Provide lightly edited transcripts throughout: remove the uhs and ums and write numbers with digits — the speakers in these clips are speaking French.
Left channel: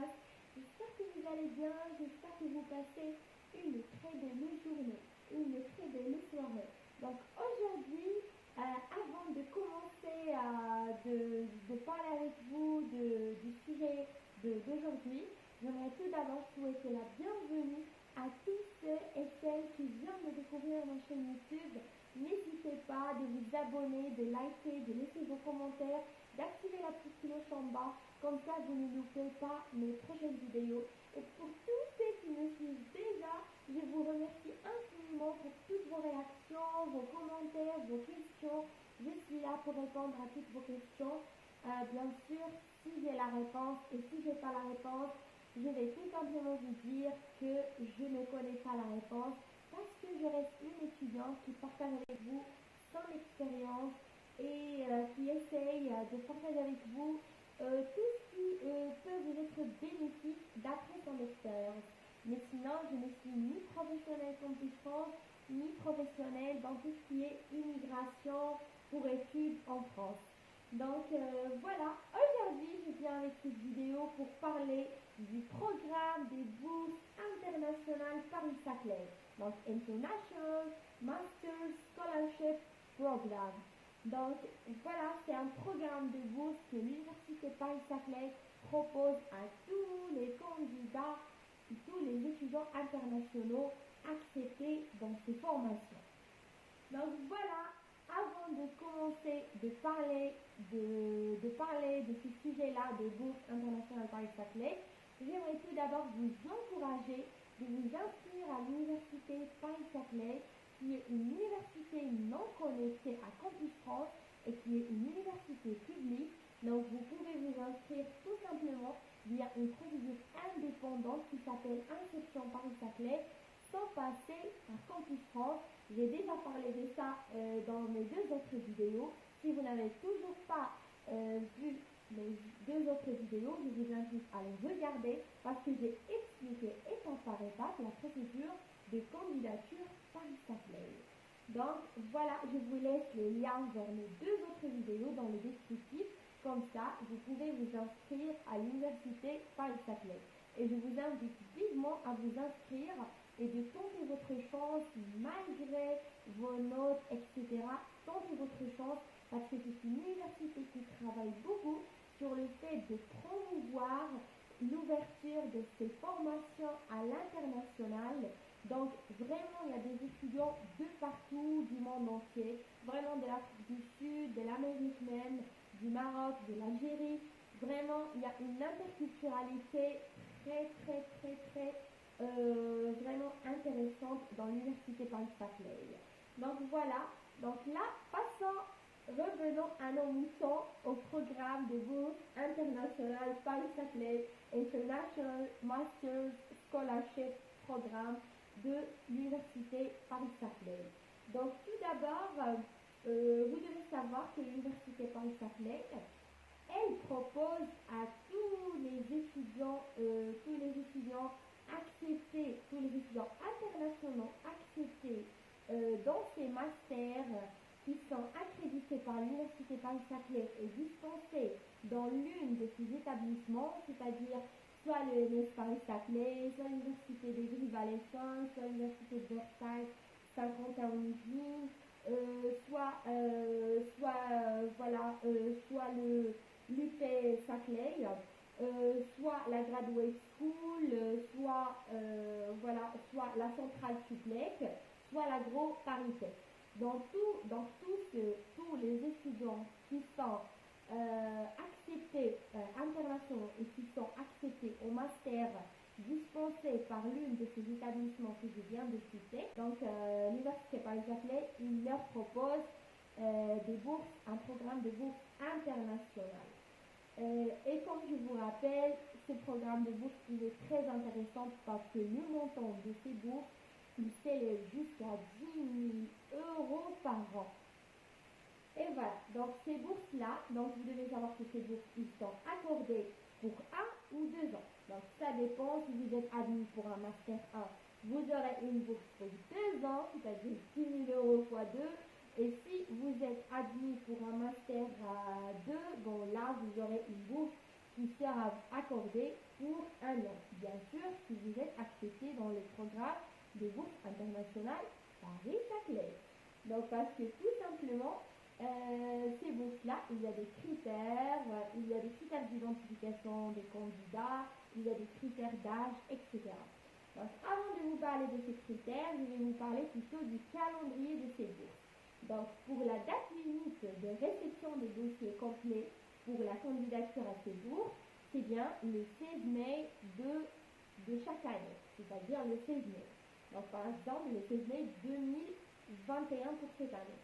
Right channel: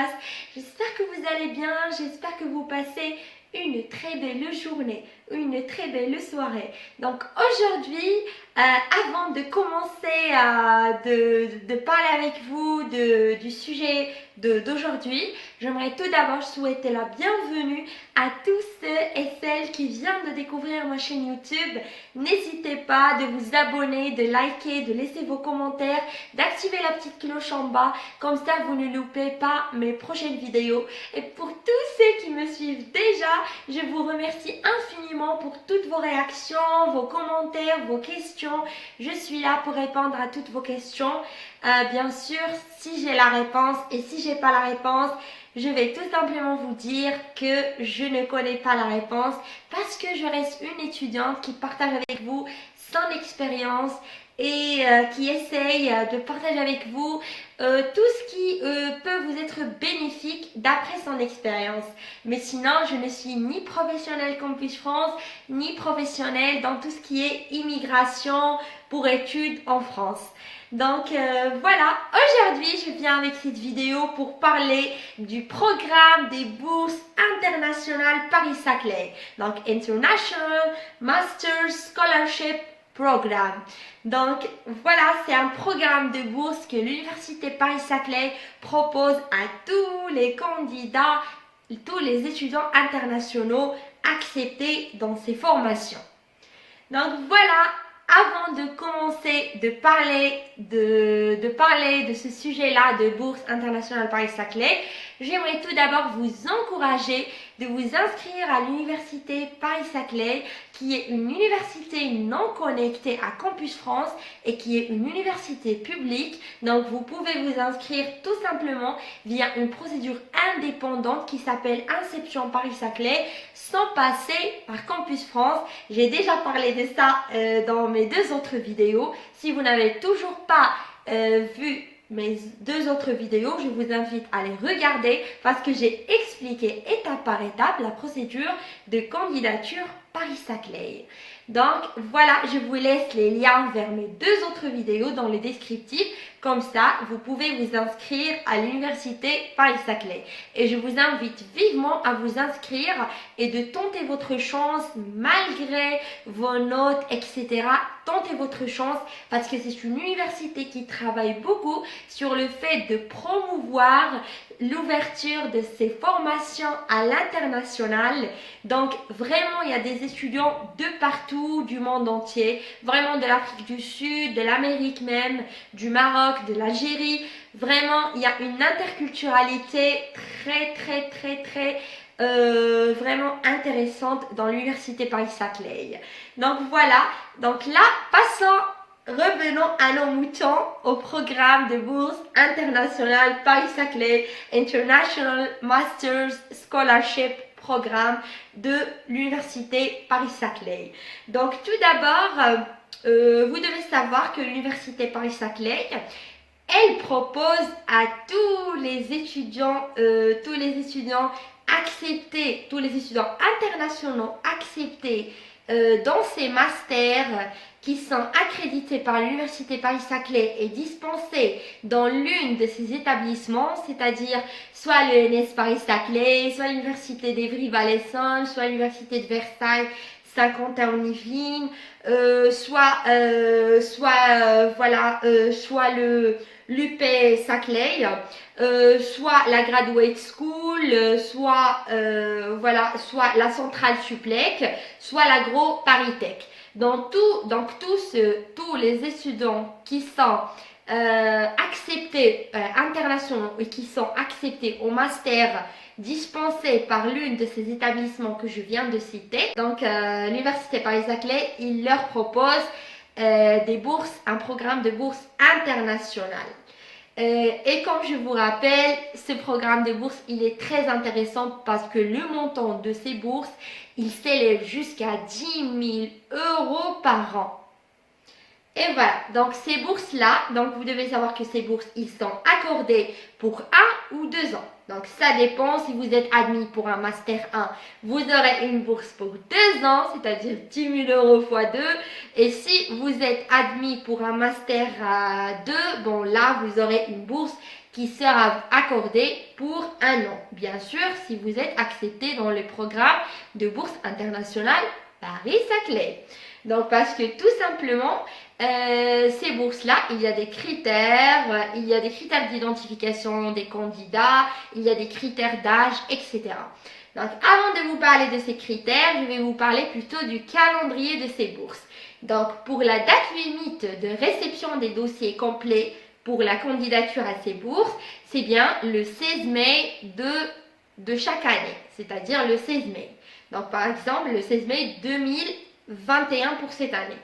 passe? J'espère que vous allez bien, j'espère que vous passez une très belle journée, une très belle soirée. Donc aujourd'hui, avant de commencer de parler avec vous du sujet d'aujourd'hui, j'aimerais tout d'abord souhaiter la bienvenue à tous ceux et celles qui viennent de découvrir ma chaîne YouTube. N'hésitez pas de vous abonner, de liker, de laisser vos commentaires, d'activer la petite cloche en bas, comme ça vous ne loupez pas mes prochaines vidéos. Et pour tous ceux qui me suivent déjà, je vous remercie infiniment pour toutes vos réactions, vos commentaires, vos questions. Je suis là pour répondre à toutes vos questions. Bien sûr, si j'ai la réponse et si j'ai pas la réponse, je vais tout simplement vous dire que je ne connais pas la réponse parce que je reste une étudiante qui partage avec vous son expérience et qui essaye de partager avec vous tout ce qui peut vous être bénéfique d'après son expérience. Mais sinon, je ne suis ni professionnelle Campus France, ni professionnelle dans tout ce qui est immigration pour études en France. Donc voilà, aujourd'hui je viens avec cette vidéo pour parler du programme des bourses internationales Paris-Saclay. Donc International Master Scholarship Program. Donc voilà, c'est un programme de bourse que l'Université Paris-Saclay propose à tous les candidats, tous les étudiants internationaux acceptés dans ces formations. Donc voilà, avant de commencer de parler de ce sujet-là de Bourse internationale Paris-Saclay, j'aimerais tout d'abord vous encourager de vous inscrire à l'université Paris-Saclay, qui est une université non connectée à Campus France et qui est une université publique. Donc vous pouvez vous inscrire tout simplement via une procédure indépendante qui s'appelle Inception Paris-Saclay sans passer par Campus France. J'ai déjà parlé de ça dans mes deux autres vidéos. Si vous n'avez toujours pas vu mes deux autres vidéos, je vous invite à les regarder parce que j'ai expliqué étape par étape la procédure de candidature Paris-Saclay. Donc voilà, je vous laisse les liens vers mes deux autres vidéos dans le descriptif. Comme ça, vous pouvez vous inscrire à l'université Paris-Saclay. Et je vous invite vivement à vous inscrire et de tenter votre chance malgré vos notes, etc. Tentez votre chance parce que c'est une université qui travaille beaucoup sur le fait de promouvoir l'ouverture de ces formations à l'international. Donc vraiment, il y a des étudiants de partout, du monde entier, vraiment de l'Afrique du Sud, de l'Amérique même, du Maroc, de l'Algérie. Vraiment, il y a une interculturalité très vraiment intéressante dans l'université Paris-Saclay. Donc voilà, donc là, revenons à nos moutons au programme de bourse internationale Paris-Saclay International Masters Scholarship Programme de l'université Paris-Saclay. Donc tout d'abord, vous devez savoir que l'université Paris-Saclay, elle propose à tous les étudiants acceptés, tous les étudiants internationaux acceptés dans ces masters qui sont accrédités par l'Université Paris-Saclay et dispensés dans l'une de ces établissements, c'est-à-dire soit l'ENS Paris-Saclay, soit l'Université d'Evry-Valaisanne, soit l'Université de Versailles, Saint-Quentin-en-Yvelines, soit l'UP Saclay, soit la Graduate School, soit la Centrale Suplec, soit l'Agro Paris-Tech. Donc tous les étudiants qui sont acceptés internationaux et qui sont acceptés au master dispensé par l'une de ces établissements que je viens de citer. Donc l'Université Paris-Saclay, il leur propose un programme de bourse internationale. Et comme je vous rappelle, ce programme de bourse, il est très intéressant parce que le montant de ces bourses, il s'élève jusqu'à 10 000 euros par an. Et voilà, donc ces bourses-là, donc vous devez savoir que ces bourses, ils sont accordés pour 1 ou 2 ans. Donc ça dépend, si vous êtes admis pour un Master 1, vous aurez une bourse pour 2 ans, c'est-à-dire 10 000 euros x 2. Et si vous êtes admis pour un Master 2, bon là, vous aurez une bourse qui sera accordée pour un an. Bien sûr, si vous êtes accepté dans le programme de bourse internationale Paris-Saclay. Donc, parce que tout simplement, ces bourses-là, il y a des critères d'identification des candidats, il y a des critères d'âge, etc. Donc, avant de vous parler de ces critères, je vais vous parler plutôt du calendrier de ces bourses. Donc, pour la date limite de réception des dossiers complets pour la candidature à ces bourses, c'est bien le 16 mai de chaque année, c'est-à-dire le 16 mai. Donc, par exemple, le 16 mai 2021 pour cette année.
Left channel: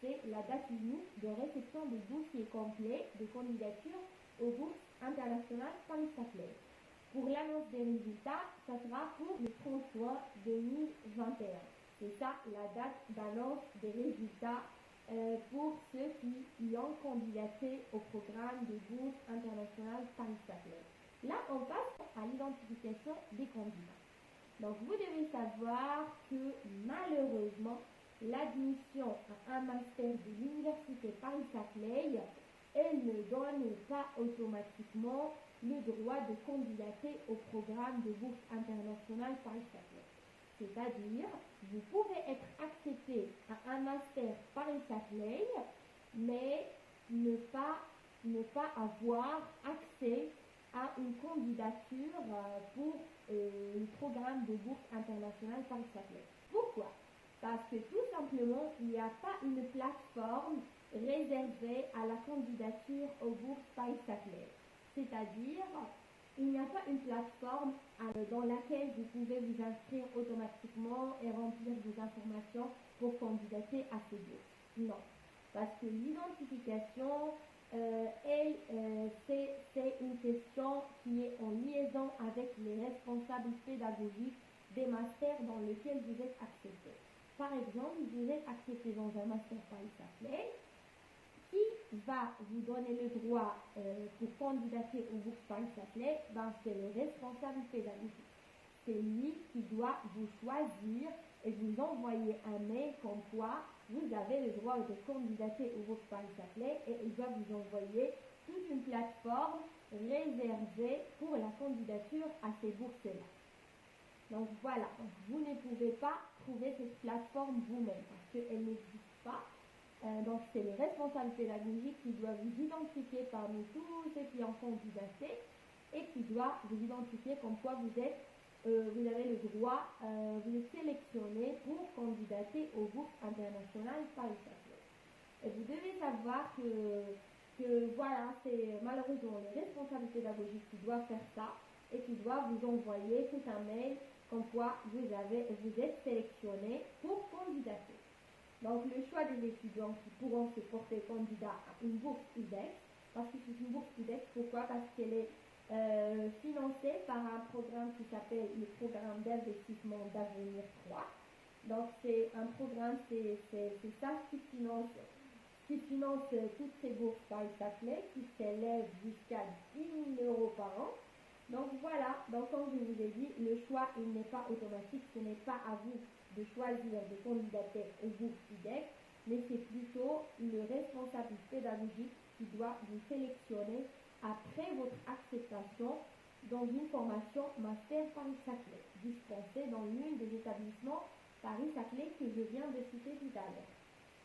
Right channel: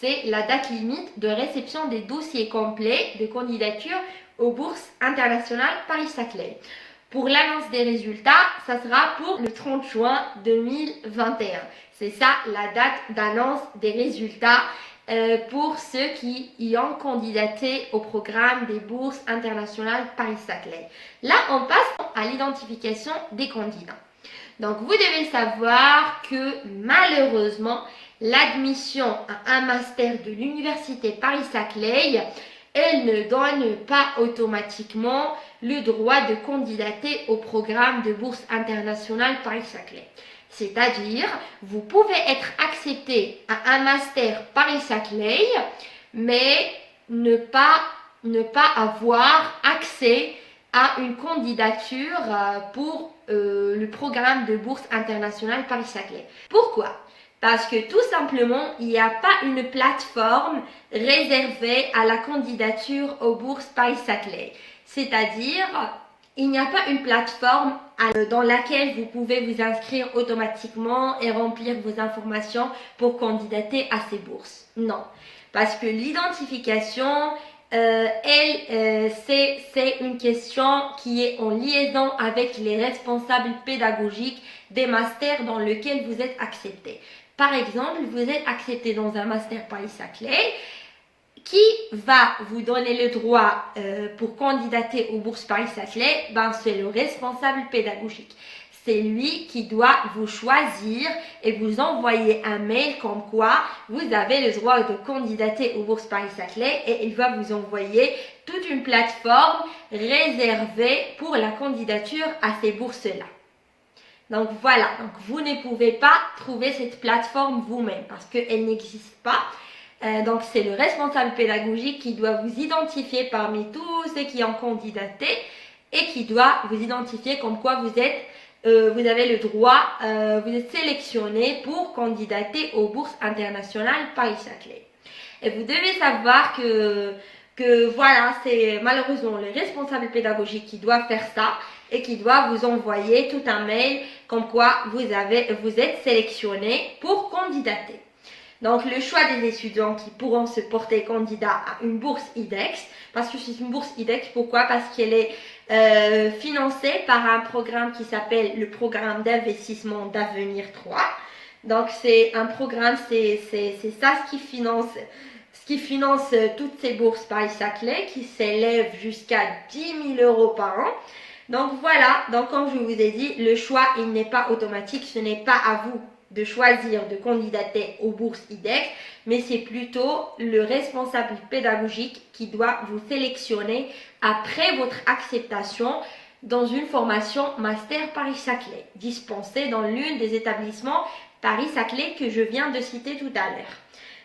C'est la date limite de réception des dossiers complets de candidature aux bourses internationales Paris-Saclay. Pour l'annonce des résultats, ça sera pour le 30 juin 2021. C'est ça la date d'annonce des résultats pour ceux qui y ont candidaté au programme des bourses internationales Paris-Saclay. Là, on passe à l'identification des candidats. Donc, vous devez savoir que malheureusement, l'admission à un master de l'université Paris-Saclay, elle ne donne pas automatiquement le droit de candidater au programme de bourse internationale Paris-Saclay. C'est-à-dire, vous pouvez être accepté à un master Paris-Saclay, mais ne pas avoir accès à une candidature pour le programme de bourse internationale Paris-Saclay. Pourquoi ? Parce que tout simplement, il n'y a pas une plateforme réservée à la candidature aux bourses Paris-Saclay. C'est-à-dire, il n'y a pas une plateforme dans laquelle vous pouvez vous inscrire automatiquement et remplir vos informations pour candidater à ces bourses. Non, parce que l'identification, c'est une question qui est en liaison avec les responsables pédagogiques des masters dans lesquels vous êtes accepté. Par exemple, vous êtes accepté dans un master Paris-Saclay. Qui va vous donner le droit pour candidater aux bourses Paris-Saclay? C'est le responsable pédagogique. C'est lui qui doit vous choisir et vous envoyer un mail comme quoi vous avez le droit de candidater aux bourses Paris-Saclay et il va vous envoyer toute une plateforme réservée pour la candidature à ces bourses-là. Donc voilà, donc vous ne pouvez pas trouver cette plateforme vous-même parce qu'elle n'existe pas. Donc c'est le responsable pédagogique qui doit vous identifier parmi tous ceux qui ont candidaté et qui doit vous identifier comme quoi vous avez le droit, vous êtes sélectionné pour candidater aux bourses internationales Paris-Saclay. Et vous devez savoir que voilà, c'est malheureusement le responsable pédagogique qui doit faire ça et qui doit vous envoyer tout un mail comme quoi vous êtes sélectionné pour candidater. Donc, le choix des étudiants qui pourront se porter candidat à une bourse IDEX, parce que c'est une bourse IDEX, pourquoi? Parce qu'elle est financée par un programme qui s'appelle le programme d'investissement d'avenir 3. Donc, c'est un programme, c'est ça ce qui finance toutes ces bourses Paris-Saclay qui s'élèvent jusqu'à 10 000 € par an. Donc, voilà, donc comme je vous ai dit, le choix, il n'est pas automatique, ce n'est pas à vous de choisir de candidater aux bourses IDEX, mais c'est plutôt le responsable pédagogique qui doit vous sélectionner après votre acceptation dans une formation Master Paris-Saclay, dispensée dans l'une des établissements Paris-Saclay que je viens de citer tout à l'heure.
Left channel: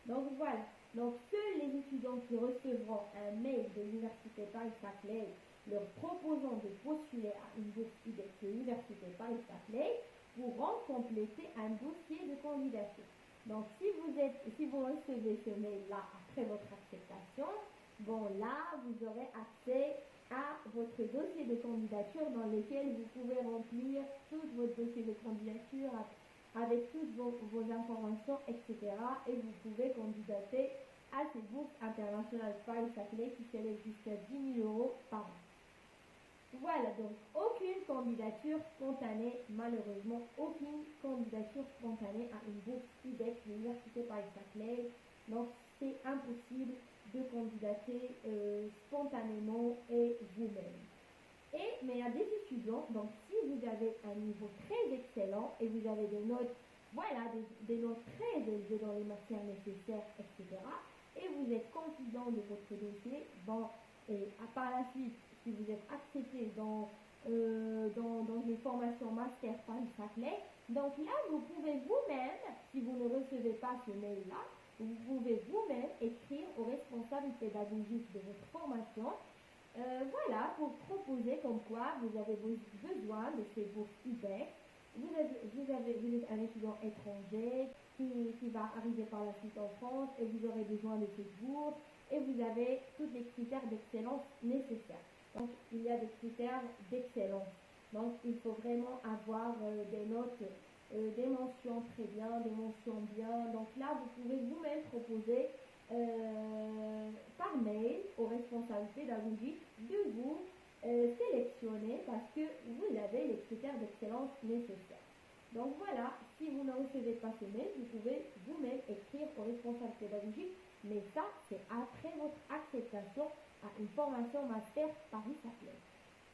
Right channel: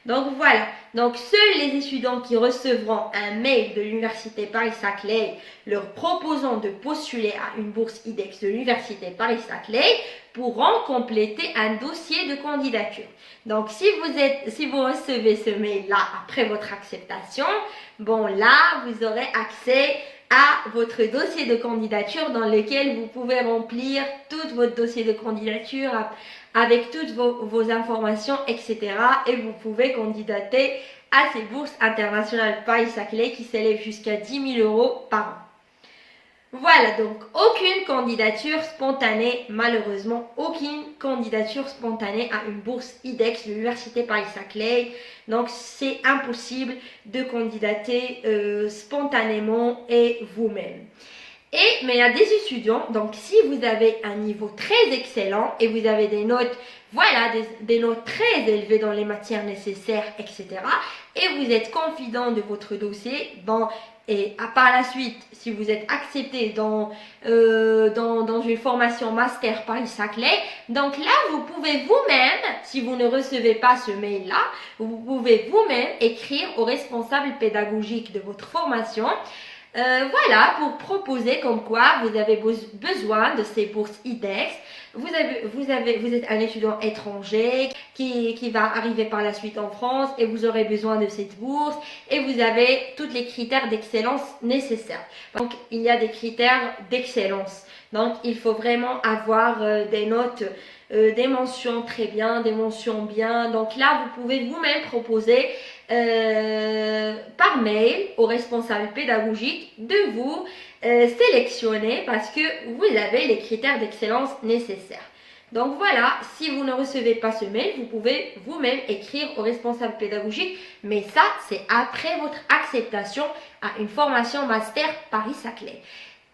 Donc voilà, donc seuls les étudiants qui recevront un mail de l'université Paris-Saclay leur proposant de postuler à une bourse IDEX de l'université Paris-Saclay pourront compléter un dossier de candidature. Donc si vous recevez ce mail-là après votre acceptation, là vous aurez accès à votre dossier de candidature dans lequel vous pouvez remplir tout votre dossier de candidature avec toutes vos informations, etc. Et vous pouvez candidater à ces bourses internationales Paris-Saclay qui s'élèvent jusqu'à 10 000 € par an. Voilà, donc aucune candidature spontanée, malheureusement, aucune candidature spontanée à une bourse IDEX de l'université Paris-Saclay. Donc c'est impossible de candidater spontanément et vous-même. Mais il y a des étudiants, donc si vous avez un niveau très excellent et vous avez des notes, des notes très élevées dans les matières nécessaires, etc. et vous êtes confident de votre dossier, et par la suite, si vous êtes accepté dans une formation master Paris-Saclay, donc là, vous pouvez vous-même, si vous ne recevez pas ce mail-là, vous pouvez vous-même écrire au responsable pédagogique de votre formation. Voilà, pour proposer comme quoi vous avez besoin de ces bourses IDEX. Vous êtes un étudiant étranger qui va arriver par la suite en France et vous aurez besoin de cette bourse et vous avez tous les critères d'excellence nécessaires. Donc, il y a des critères d'excellence. Donc, il faut vraiment avoir des notes, des mentions très bien, des mentions bien. Donc là, vous pouvez vous-même proposer par mail au responsable pédagogique de vous sélectionner parce que vous avez les critères d'excellence nécessaires. Donc voilà, si vous ne recevez pas ce mail, vous pouvez vous-même écrire au responsable pédagogique, mais ça, c'est après votre acceptation à une formation master Paris-Saclay.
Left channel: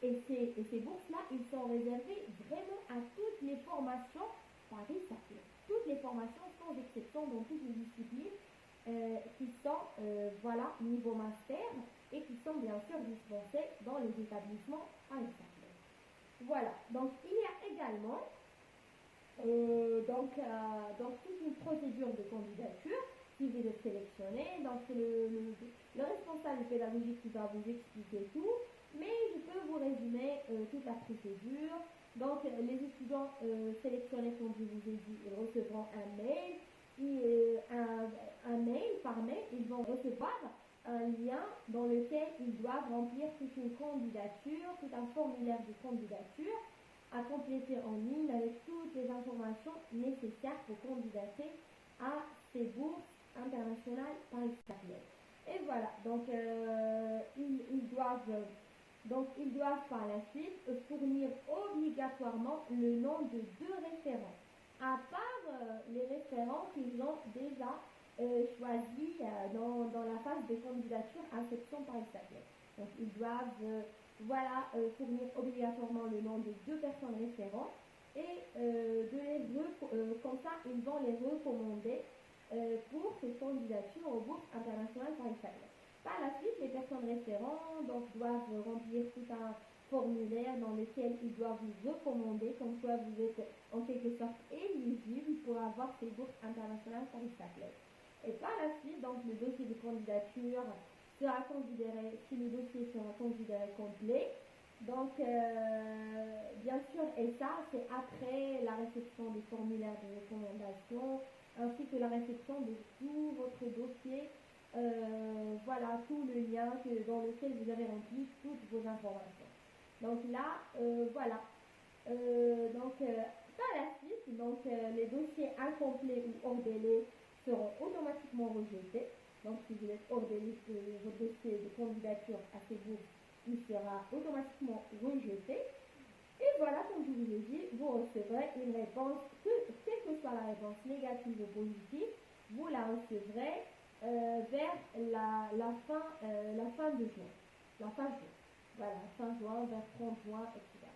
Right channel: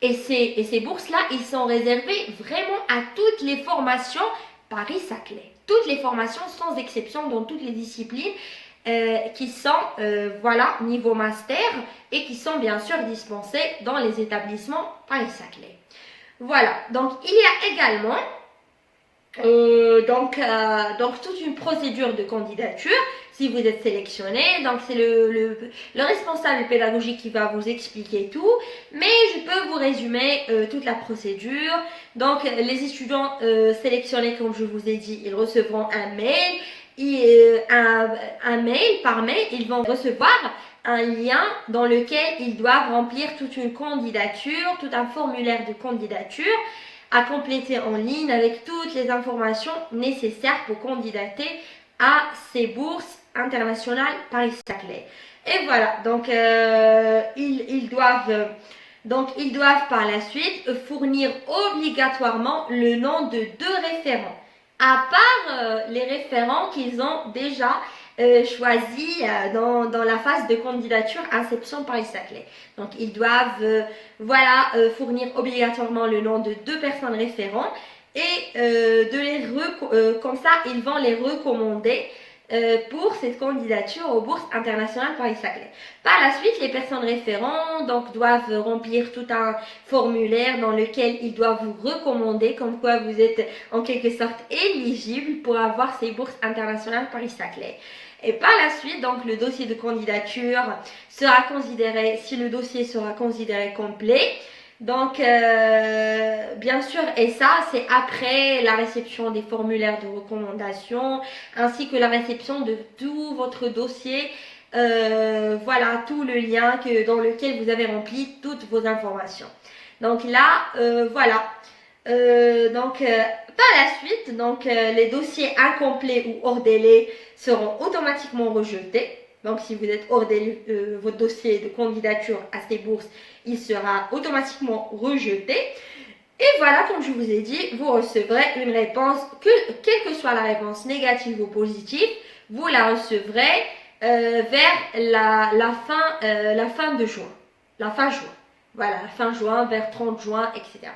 Et ces bourses-là, ils sont réservés vraiment à toutes les formations Paris-Saclay. Toutes les formations sans exception dans toutes les disciplines qui sont voilà, niveau master et qui sont bien sûr dispensées dans les établissements Paris-Saclay. Voilà, donc il y a également donc toute une procédure de candidature si vous êtes sélectionné. Donc c'est le responsable pédagogique qui va vous expliquer tout, mais je peux vous résumer toute la procédure. Donc les étudiants sélectionnés, comme je vous ai dit, ils recevront un mail. Par mail, ils vont recevoir un lien dans lequel ils doivent remplir toute une candidature, tout un formulaire de candidature à compléter en ligne avec toutes les informations nécessaires pour candidater à ces bourses internationales Paris-Saclay. Et voilà, donc ils doivent par la suite fournir obligatoirement le nom de 2 référents, à part les référents qu'ils ont déjà choisis dans la phase de candidature Inception Paris-Saclay. Donc ils doivent fournir obligatoirement le nom de 2 personnes référents et comme ça ils vont les recommander pour cette candidature aux bourses internationales Paris-Saclay. Par la suite, les personnes référents doivent remplir tout un formulaire dans lequel ils doivent vous recommander comme quoi vous êtes en quelque sorte éligible pour avoir ces bourses internationales Paris-Saclay. Et par la suite, donc le dossier de candidature sera considéré, si le dossier sera considéré complet, donc bien sûr, et ça c'est après la réception des formulaires de recommandation ainsi que la réception de tout votre dossier, voilà, tout le lien dans lequel vous avez rempli toutes vos informations. Donc là, voilà. Par la suite, les dossiers incomplets ou hors délai seront automatiquement rejetés. Donc si vous êtes hors délai, votre dossier de candidature à ces bourses, il sera automatiquement rejeté. Et voilà, comme je vous ai dit, vous recevrez une réponse, quelle que soit la réponse négative ou positive, vous la recevrez vers la fin de juin. La fin juin. Voilà, la fin juin, vers 30 juin, etc.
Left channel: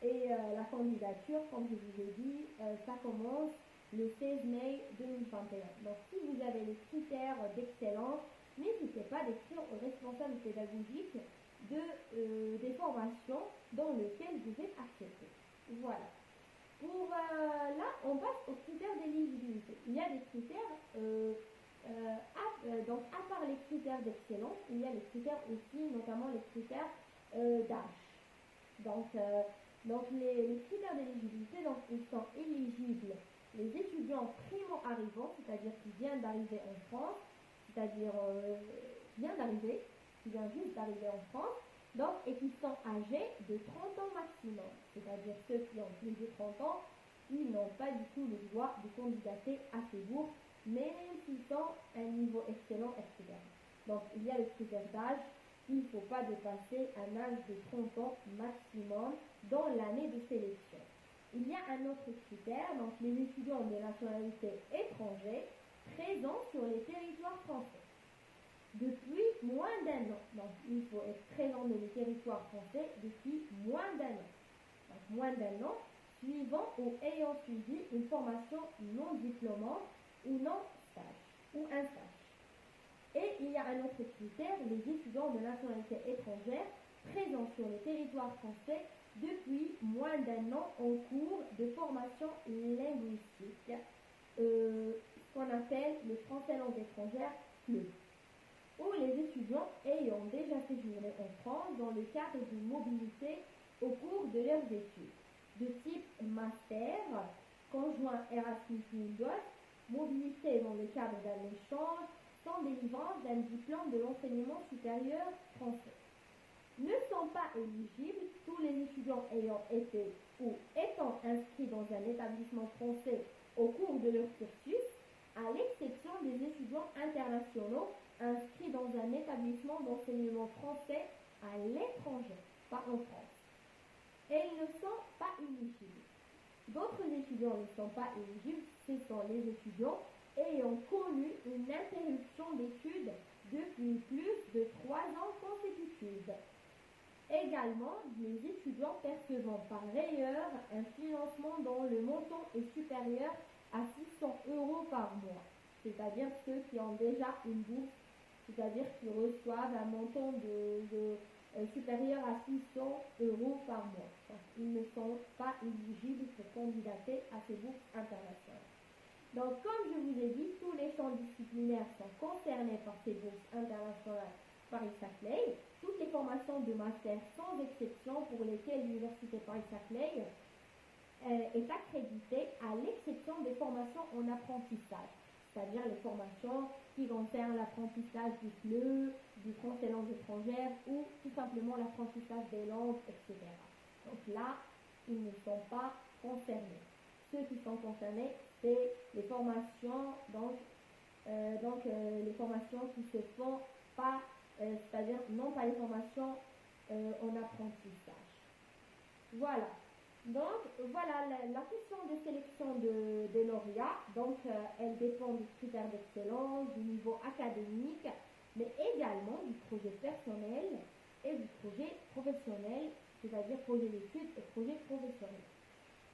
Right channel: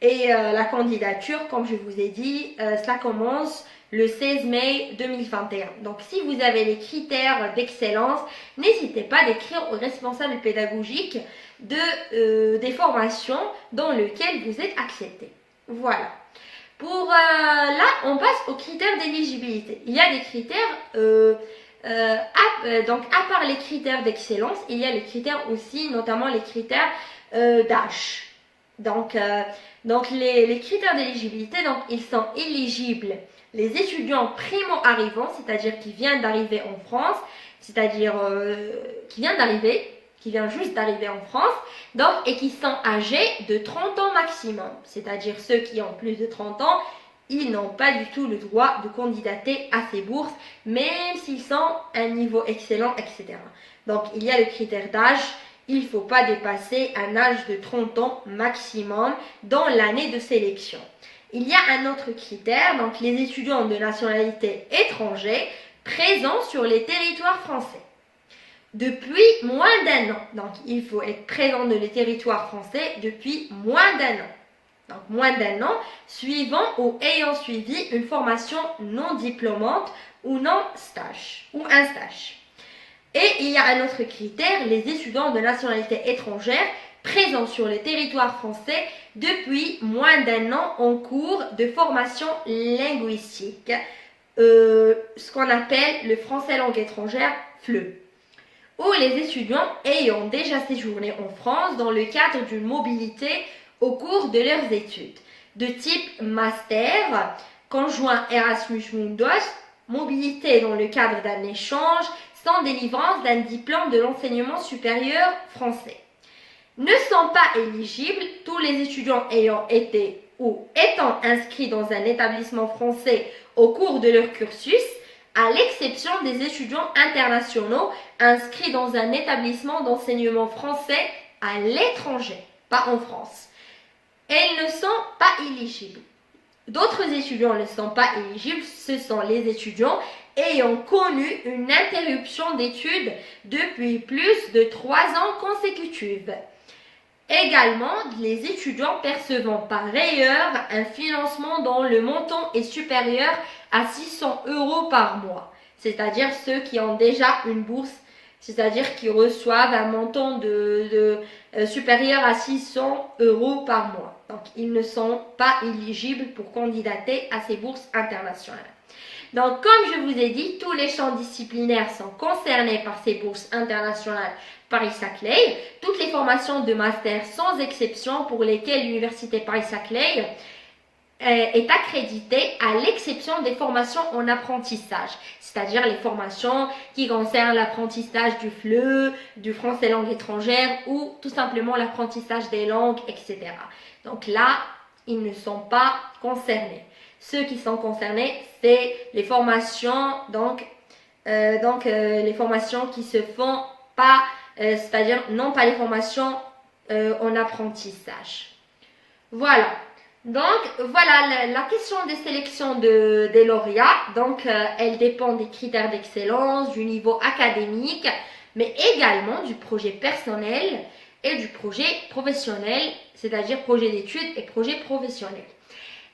Et la candidature, comme je vous ai dit, ça commence le 16 mai 2021. Donc, si vous avez les critères d'excellence, n'hésitez pas d'écrire au responsable pédagogique des formations dans lesquelles vous êtes accepté. Voilà. Là, on passe aux critères d'éligibilité. Il y a des critères, à part les critères d'excellence, il y a les critères aussi, notamment les critères d'âge. Donc les critères d'éligibilité, ils sont éligibles les étudiants primo-arrivants, c'est-à-dire qui viennent d'arriver en France, c'est-à-dire qui viennent juste d'arriver en France, et qui sont âgés de 30 ans maximum, c'est-à-dire ceux qui ont plus de 30 ans, ils n'ont pas du tout le droit de candidater à ces bourses, même s'ils sont à un niveau excellent, etc. Donc il y a le critère d'âge. Il ne faut pas dépasser un âge de 30 ans maximum dans l'année de sélection. Il y a un autre critère, donc les étudiants de nationalité étrangère présents sur les territoires français depuis moins d'1 an. Donc il faut être présent dans les territoires français depuis moins d'1 an. Donc moins d'1 an, suivant ou ayant suivi une formation non diplômante ou un stage. Et il y a un autre critère, les étudiants de nationalité étrangère présents sur le territoire français depuis moins d'1 an en cours de formation linguistique, ce qu'on appelle le français langue étrangère, FLE, ou les étudiants ayant déjà séjourné en France dans le cadre d'une mobilité au cours de leurs études, de type master, conjoint Erasmus Mundus, mobilité dans le cadre d'un échange, sans délivrance d'un diplôme de l'enseignement supérieur français. Ne sont pas éligibles tous les étudiants ayant été ou étant inscrits dans un établissement français au cours de leur cursus, à l'exception des étudiants internationaux inscrits dans un établissement d'enseignement français à l'étranger, pas en France. Et ils ne sont pas éligibles. D'autres étudiants ne sont pas éligibles, ce sont les étudiants ayant connu une interruption d'études depuis plus de 3 ans consécutifs. Également, les étudiants percevant par ailleurs un financement dont le montant est supérieur à 600 € par mois, c'est-à-dire ceux qui ont déjà une bourse, c'est-à-dire qui reçoivent un montant supérieur à 600 € par mois. Donc, ils ne sont pas éligibles pour candidater à ces bourses internationales. Donc, comme je vous ai dit, tous les champs disciplinaires sont concernés par ces bourses internationales Paris-Saclay. Toutes les formations de master, sans exception, pour lesquelles l'université Paris-Saclay est accréditée, à l'exception des formations en apprentissage, c'est-à-dire les formations qui concernent l'apprentissage du FLE, du français langue étrangère ou tout simplement l'apprentissage des langues, etc. Donc là, ils ne sont pas concernés. Ceux qui sont concernés, c'est les formations, les formations qui se font pas, c'est-à-dire non pas les formations en apprentissage. Voilà. Donc, voilà la question des sélections des lauréats. Donc, elle dépend des critères d'excellence, du niveau académique, mais également du projet personnel et du projet professionnel, c'est-à-dire projet d'études et projet professionnel.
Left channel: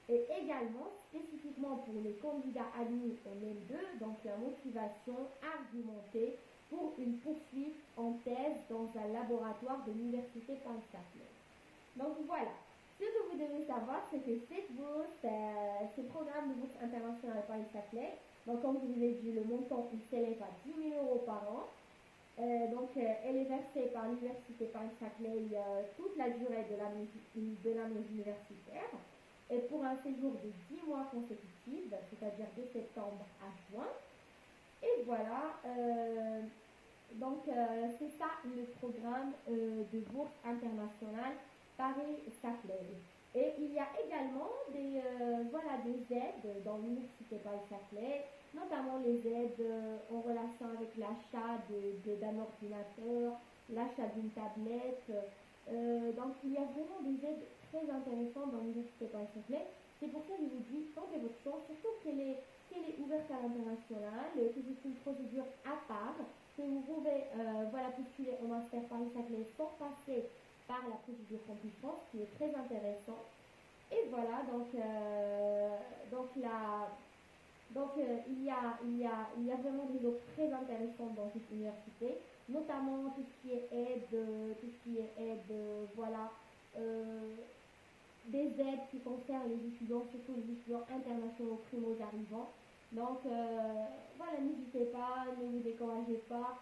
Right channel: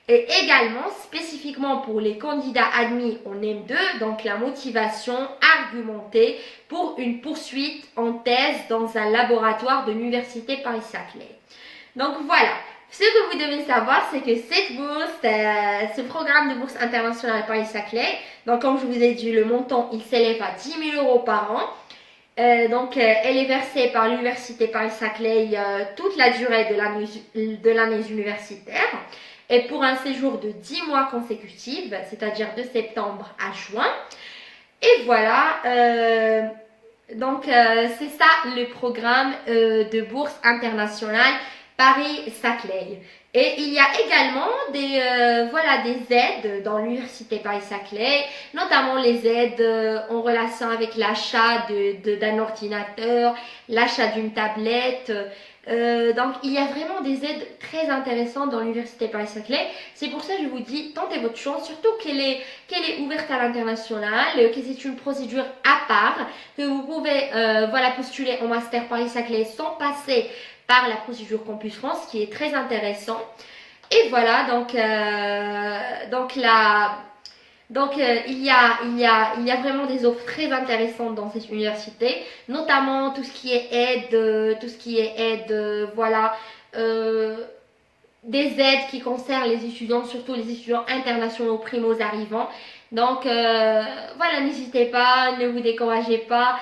Et également, spécifiquement pour les candidats admis en M2, donc la motivation argumentée pour une poursuite en thèse dans un laboratoire de l'université Paris-Saclay. Donc voilà, ce que vous devez savoir, c'est que cette bourse, ce programme de bourse internationale Paris-Saclay, donc comme je vous ai dit, le montant, il s'élève à 10 000 € par an. Elle est versée par l'université Paris-Saclay toute la durée de l'année universitaire. Et pour un séjour de 10 mois consécutifs, c'est-à-dire de septembre à juin. Et voilà, c'est ça le programme de bourse internationale Paris-Saclay. Et il y a également des aides dans l'université Paris-Saclay, notamment les aides en relation avec l'achat d'un ordinateur, l'achat d'une tablette. Donc il y a vraiment des aides très intéressantes dans l'université Paris-Saclay. C'est pour ça que je vous dis, tentez votre chance, surtout qu'elle est ouverte à l'international, que c'est une procédure à part, que vous pouvez postuler en master Paris-Saclay sans passer par la procédure Campus France, qui est très intéressant. Et voilà, il y a vraiment des offres très intéressantes dans cette université, notamment tout ce qui est aide, des aides qui concernent les étudiants, surtout les étudiants internationaux primos arrivants. Donc n'hésitez pas, ne vous découragez pas.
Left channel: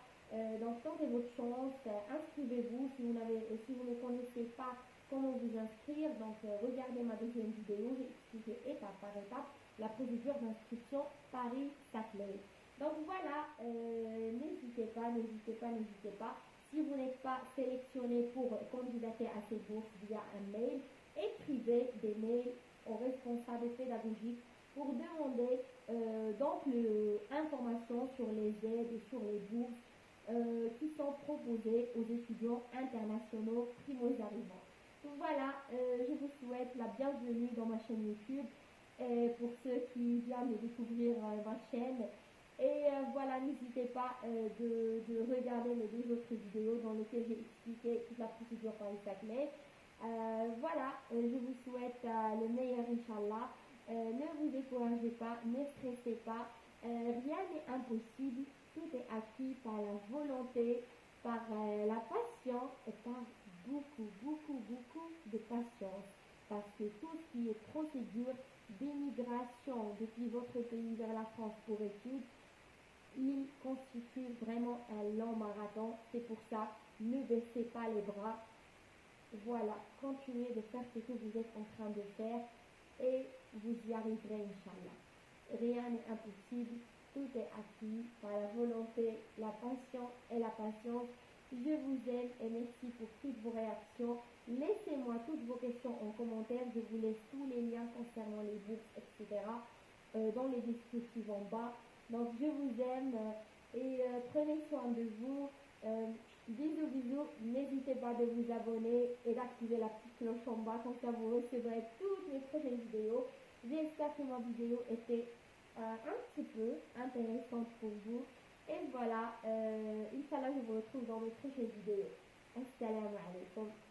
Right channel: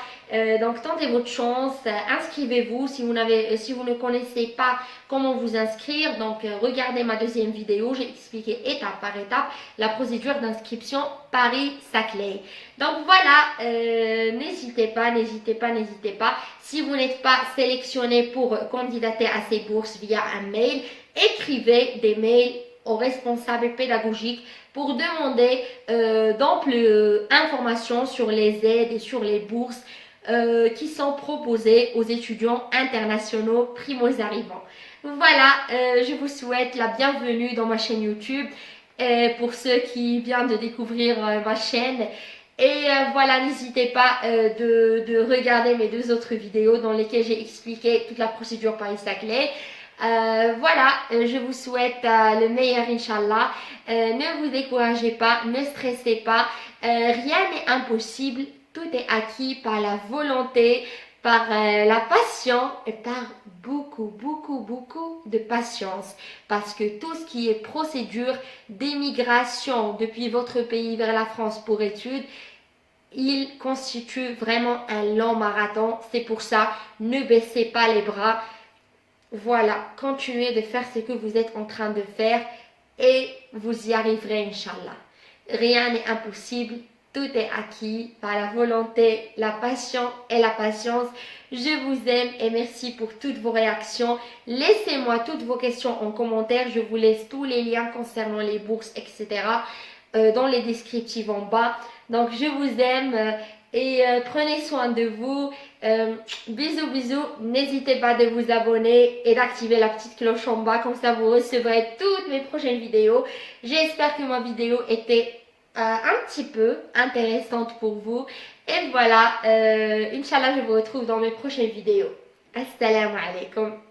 Donc tentez votre chance, inscrivez-vous si vous ne connaissez pas comment vous inscrire. Donc regardez ma deuxième vidéo, j'ai expliqué étape par étape la procédure d'inscription Paris-Saclay. Donc voilà, n'hésitez pas. Si vous n'êtes pas sélectionné pour candidater à ces bourses via un mail, écrivez des mails aux responsables pédagogiques pour demander d'amples informations sur les aides et sur les bourses qui sont proposées aux étudiants internationaux primos arrivants. Voilà, je vous souhaite la bienvenue dans ma chaîne YouTube pour ceux qui viennent de découvrir ma chaîne. Et n'hésitez pas de regarder mes 2 autres vidéos dans lesquelles j'ai expliqué toute la procédure Paris-Saclay. Je vous souhaite le meilleur, Inch'Allah. Ne vous découragez pas, ne stressez pas, rien n'est impossible, tout est acquis par la volonté, par la passion et par beaucoup, beaucoup, beaucoup de patience. Parce que tout ce qui est procédure d'émigration depuis votre pays vers la France pour études, il constitue vraiment un long marathon. C'est pour ça, ne baissez pas les bras. Voilà, continuez de faire ce que vous êtes en train de faire et vous y arriverez, Inch'Allah. Rien n'est impossible, tout est acquis par la volonté, la passion et la patience. Je vous aime et merci pour toutes vos réactions. Laissez-moi toutes vos questions en commentaire. Je vous laisse tous les liens concernant les bourses, etc. Dans les descriptifs en bas. Donc, je vous aime et prenez soin de vous. Bisous, bisous. N'hésitez pas de vous abonner et d'activer la petite cloche en bas. Comme ça, vous recevrez toutes mes prochaines vidéos. J'espère que ma vidéo était un petit peu intéressante pour vous. Et voilà, Inch'Allah, je vous retrouve dans mes prochaines vidéos. Assalamu alaikum.